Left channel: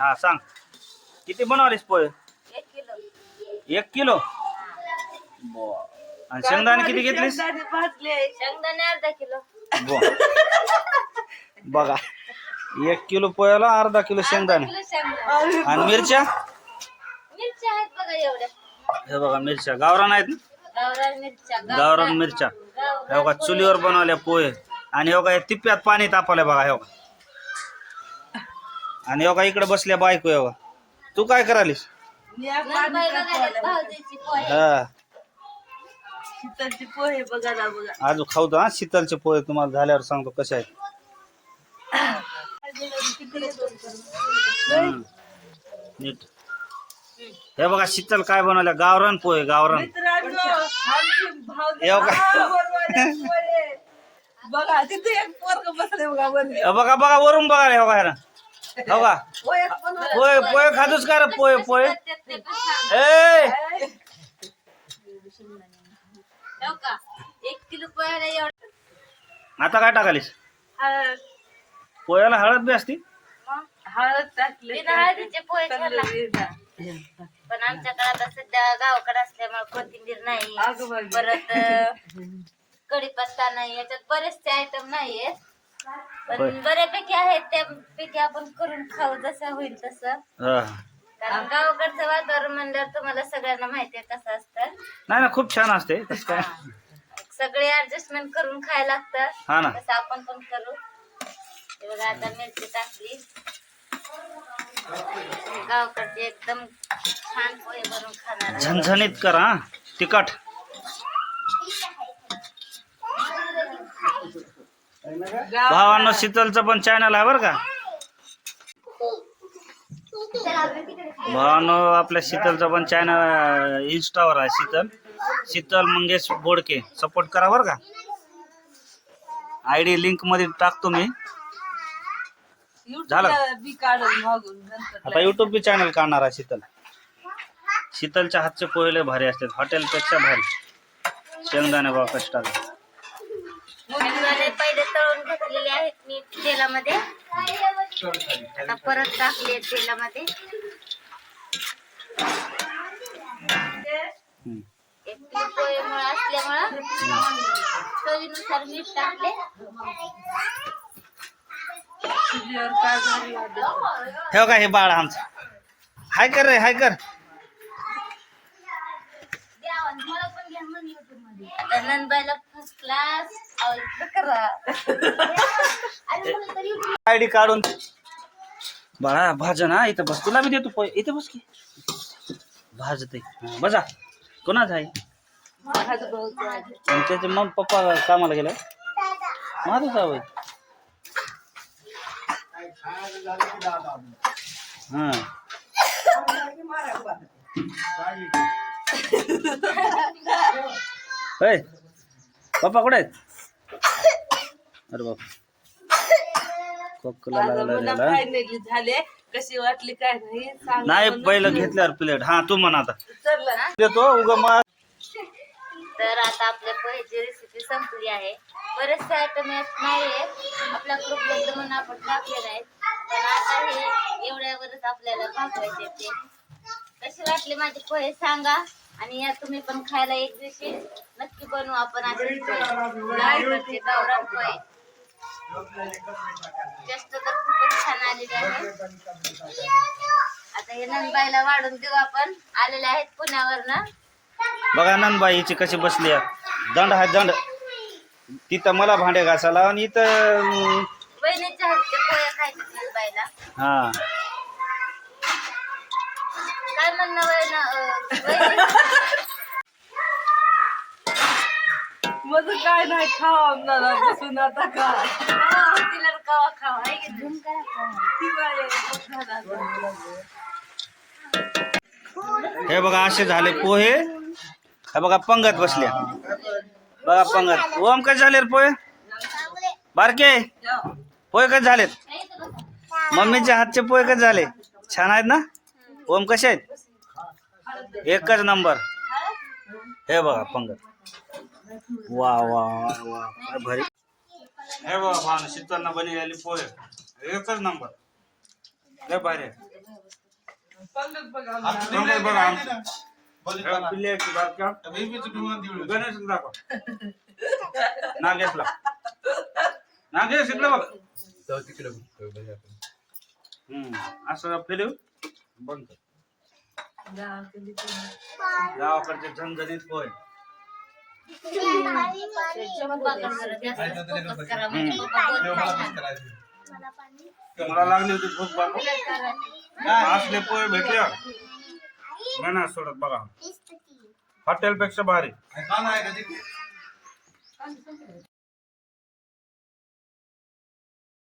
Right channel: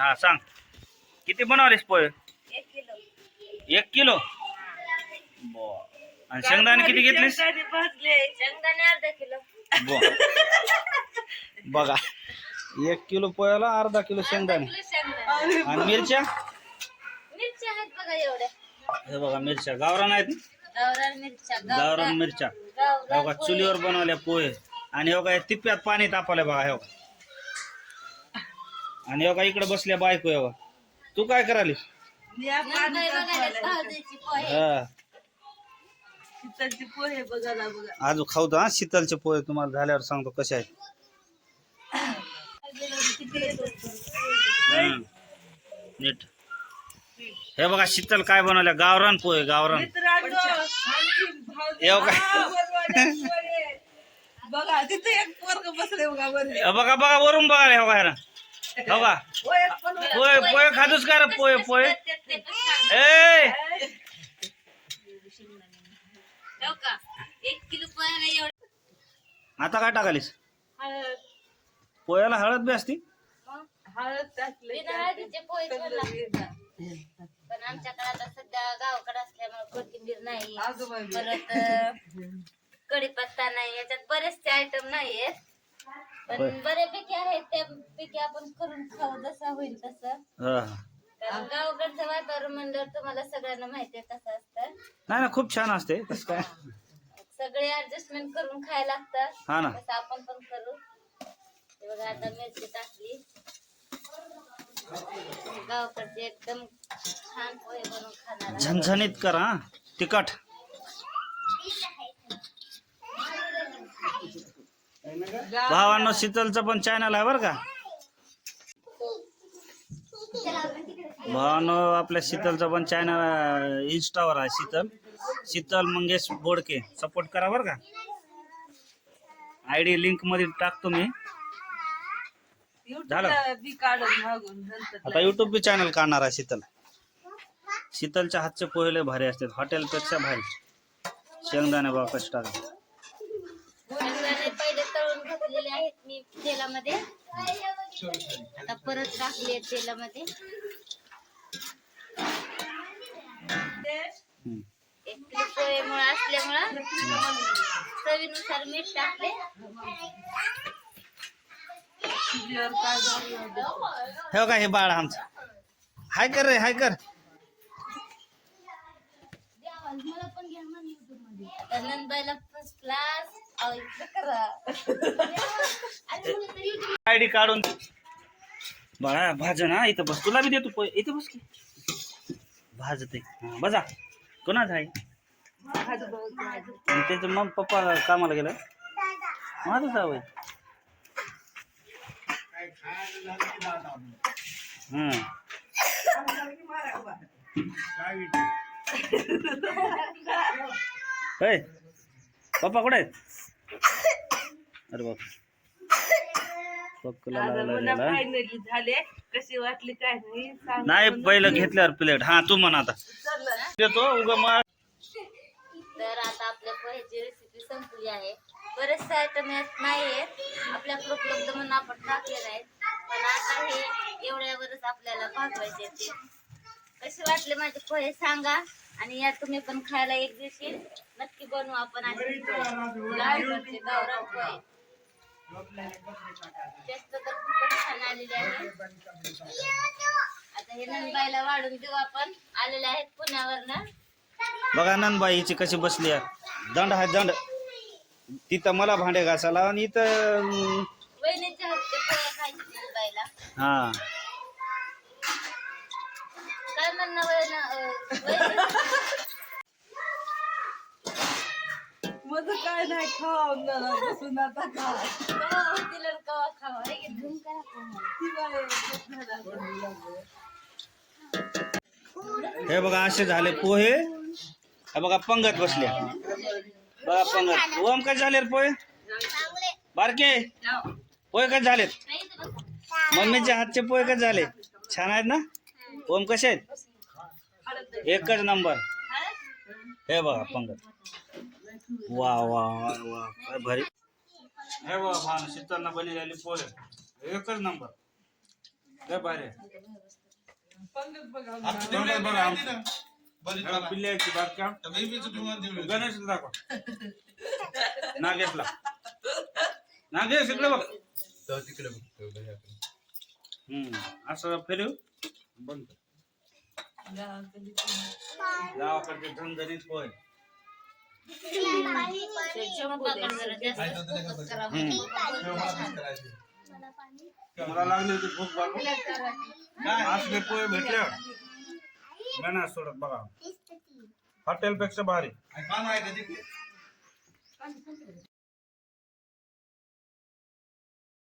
हा सांग. किती बनवलेस पोहे? एक किलो. एक किलो? बर. आणि शेंगदाणे किती घेतलीस? शेंगदाणे भाजले. शेंगदाणे अर्धा किलो. बर. बघा. एक किलो पोह्याला अर्धा किलो शेंगदाणे. किलो शेंगदाणे. आणि मिरच्या? मिरच्या आहेत बघा एवढ्या. हे बघा मिरच्या. गावरान आहेत? ना गावरान मिरच्या गावरान. मिरच्या. हे बघा चुलीवर बनवल्या पोहे. आणि हे बघा या तिप्प्यात पाणी तापवलंय बघा हे बघा. आणि बघा इकडे बसल्या बायको बघा तू काय करालीस हा. शीतलचे पोहे बघायला बघा. आज खाऊ हा शीतलचे पोहे तुम्हाला झाल्यावर सांगतो कसे आहेत. हम्म. नीट. हे बघा शीतल काय बनवल्या? गावरान पोहे गावरान. मित्रांनो, आमची भावजी- येऊ का? हा, बरोबर आहे, पोहे. बघा तिथे एक पोरग बसले बघा. हे बघा बघा वरून बघा हे बघा हे ना हो का. पोहे पोहे खातोच का रे? पण सांग. ए! हो का? एक किलो पोह्याला एवढं. आता काय टाकालीस? हळद. पोह्याला हळद बी असती? हळद टाकले हळदीचे पोहे. पण आमच्याकडे आता सध्या गावाकडे असल्यामुळे कोथिंबीर नाही. परत अं, कढीपत्ता नाही. याच्यात बरेचसे आयटम नाहीयेत. होय. पण बऱ्यापैकी आहेत त्यापैकी आपण करून खाऊ जसं होईल तसं. हा. कारण गावाकडचं वातावरण म्हणल्यावर तुम्हाला सगळ्यांना माहिती आहे कसं असतं. नाही ना खूप छान असते. तसं काय? सगळे ऍडजस्टमेंट करून खायला लागतात हा ना. तसं आपण पण करू. हे बघा आता मिरची टाकली. गावाकडचे एकदम छान पोहे बनवून खाणार आहे. झणझणीत कर तिखट. भावांनो शीतलचं पण चॅनल आहे बरं का? भावांनो आपल्या शीतलचं पण चॅनल इन्स्टावर आहे शीतल. शीतल मंगेश बोडके. सपोर्ट करा बरं का? आय डी लिंकमध्ये टाकतो मी. झालं. आता युट्यूब बी चॅनल काढणार आहे शीतल. शीतलच्या हातचे पोहे भारी असतात. हॉटेलपेक्षा भारी. शेंगदाणे बाबा कष्टात शेंगदाणे पहिले तळून घेतलेले आहेत मी तेलामध्ये. आता परत टाकले तेलामध्ये. पोहेमुळे असल्यामुळं चवीनुसार मीठ टाकले. हे का हे बाळ आमचं? हाय कर रे हाय कर. नंदबाईला फर्स्ट क्लास करा आय डी काढून. बाळा भाज ना इथं बस. तुला मी देतो पोहे इथं बस की. भाजते बजा कोणाच आहे? आणि त्याचे मग पप्पा कामाला गेलाय. माझं जावं हां. होय पप्पा कुठे आहेत? अरे बाप. फायनली झाले. कशी वाटली काय नाही म्हणून. पहिलं घेतल्यावर प्लेट हा तू म्हणा आता. देतो उगा मग तर आता आपल्या पोहेची रेसिपी संपली आहे. बरेचसे आयटम यात नाही आहेत आपल्याकडे उपलब्ध म्हणून आपण टाकलेले आहेत पण आता हे एवढ्यावरच आपल्याला भागवायचे ते कसे वाटले माझे पोहे सांगा. आणि या तुम्ही पण खायला एक दिवशी बनवू आपण असे गावकडचे गावरान पोहे जास्त तर खूपच छान आलेले आहे. आता हे नंदबाईला वाढून देऊ आपण. आलेले आहेत पुण्यावरनं. बघा नंदबाईची कशी बसली आहे. दंड आहे दंड. तिथं मला भांडे घासायला आणि इथं बहिणीच्या हातचे पोहे खायचे नंदबाईला. हा. काय म्हणणं वय माझं काय नाही खावा बसून आता का हो, तिला कवा खावा. हे बघा असे झाले पोहे. हे बघा पंगत बसल्या. बघा पंगत. ओम कसे झाले पोहे? बारके? पोहे कसे झालेत? मम्मीच्या हातचे पोहे कसे झाले? छान आहेत ना? ओम कसे आहेत? एकच नंबर. हे बघा पंगत. वा वा वा वा काय भारी. हे बघा भान शीतलनं बनलेली पोहे. एकच नंबर लय भारी. पंगत बघा. गणेश दाखव. नागेशला. नागेश इकडे बघ. हम्म. असं फिरव बंद कर. गावाकडचे झणझणीत पोहे. मला होती हॉटेल पेक्षा भारी